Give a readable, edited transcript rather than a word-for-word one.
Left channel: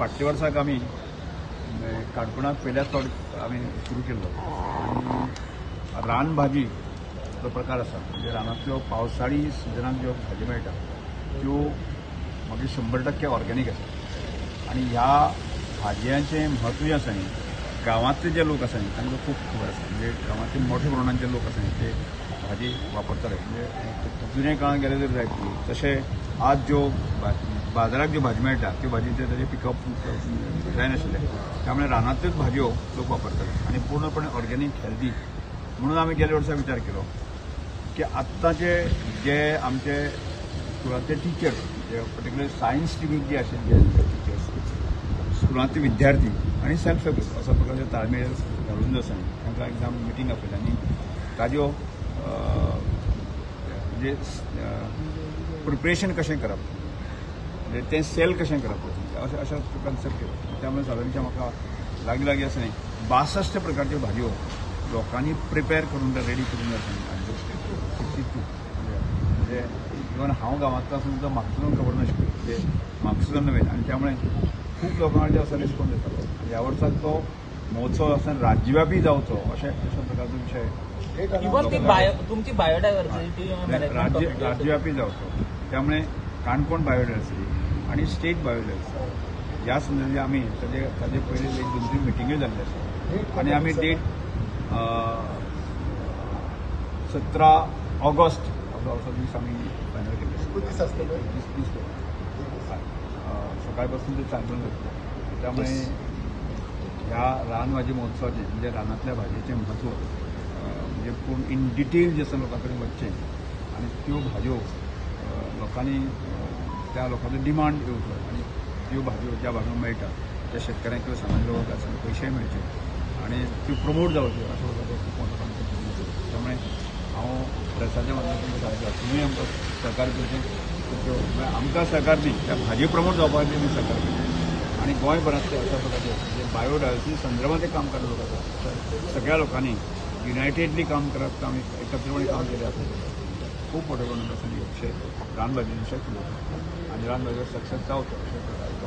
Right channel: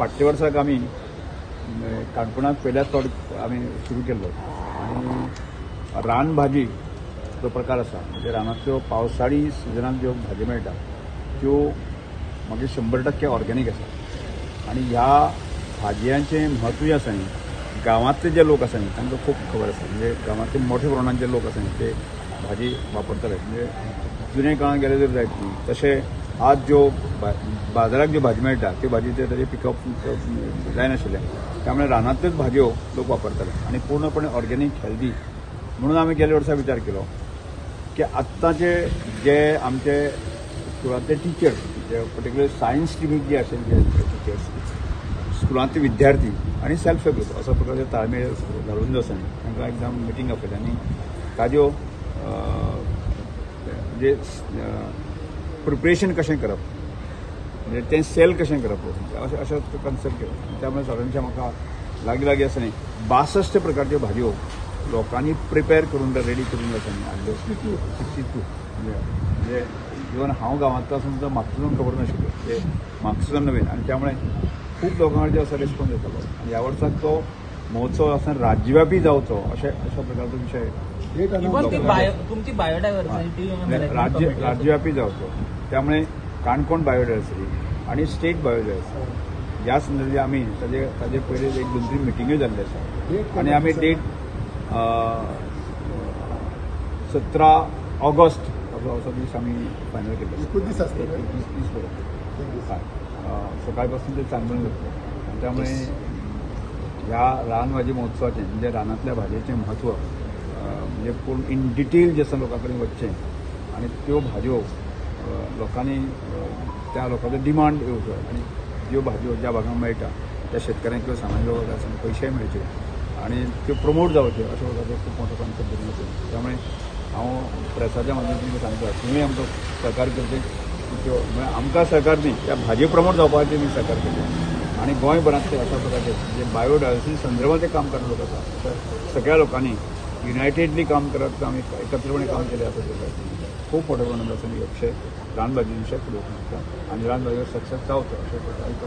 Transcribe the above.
फाटल्या वर्साक आमी काणकोणात पहिल्याच फावट आमी सुरू केल्लो आनी रानभाजी जो प्रकार आसा म्हणजे रानांतल्यो पावसाळी सिजनाक ज्यो भाजी मेळटा त्यो मागीर 100% ऑर्गेनीक आसा आनी ह्या भाजयांचें म्हत्व जें आसा न्ही गांवांतले जे लोक आसा न्ही तांकां खूब खबर आसा म्हणजे गांवांतले मोठ्या प्रमाणात जे लोक आसा न्ही ते भाजी वापरतले म्हणजे जुने काळांत गेले जर जायत तशें आज ज्यो बाजाराक ज्यो भाजी मेळटा त्यो भाजीचे ताजें पिकअप जायनाशिल्लें त्यामुळे रानांतल्योच भाजयो लोक वापरतले आनी पूर्णपणे ऑर्गेनीक हेल्दी म्हणून आमी गेल्या वर्सा विचार केलो की आत्ताचे जे आमचे स्कुलांतले टिचर्स जे पर्टिक्युलर सायन्स स्ट्रिमीक जे आशिल्ले जे टिचर्स स्कुलांतले विद्यार्थी आनी सेल्फ हेल्प ग्रुप अशा प्रकारचे ताळमेळ घालून जो आसा न्ही तांकां एकदम मिटींग आपयली आनी ताज्यो म्हणजे प्रिपरेशन कशें करप म्हणजे तें सेल कशें करप अशें कन्सेप्ट केलो त्यामुळे साधारणशा म्हाका लागीं आसा न्ही 62 प्रकारच्यो भाजयो लोकांनी प्रिपेअर करून रेडी करून आसा न्ही हाडल्यो 62 म्हणजे इवन हांव गांवांतलो आसून सुद्दां म्हाका सुद्दां खबर नाशिल्ल्यो म्हणजे म्हाका सुद्दां नवीन आनी त्यामुळे खूब लोकांचो असो रिस्पॉन्स येतालो आनी ह्या वर्साक तो महोत्सव आसा राज्यव्यापी जावचो अशा प्रकारचो विशय राज्यव्यापी जावचो त्यामुळे काणकोण बायोडायव्हर्सिटी आणि स्टेट बायोडायव्हर्सिटी ह्या संदर्भात आमी ताजे पयलीं 1-2-3 मिटिंग्यो जाल्ले आसा आनी आमी डेट 17 ऑगस्ट असो दीस आमी फायनल केल्ले सकाळपासून ते चांदणे जातले आनी त्यामुळे ह्या रान भाजी महोत्सवाचें म्हणजे रानांतल्या भाजयेचें म्हत्व म्हणजे पूर्ण इन डिटेल जे लोकां कडेन वचचें आनी त्यो भाजयो लोकांनी त्या लोकांचो डिमांड येवचो आनी ज्यो भाजयो ज्या भागांक मेळटा त्या शेतकऱ्यांक किंवा सामान्य लोकांक आसा पयशेय मेळचे आनी त्यो प्रमोट जावच्यो अशा प्रकारचो खूब मोठो कॉन्सेप्ट घेवन वचून त्यामुळे हांव प्रेसाच्या माध्यमांतल्यान सांगता तुमी आमकां सहकार करचें त्यो आमकां सहकार न्ही त्या भाजयो प्रमोट जावपा खातीर आमी सहकार करचें आनी गोंयभरांतले अशा प्रकारचे जे बायोडायव्हर्सिटी संदर्भात काम करणारे लोक आसा सगळ्या लोकांनी युनायटेडली काम करप आमी एकत्रपणे काम केले असं खूप मोठ्या प्रमाणात असं विषय रानभाजी विषय फुडें वचूंक शकता आनी रानभाजीवर सक्सेस जावचो अशें एक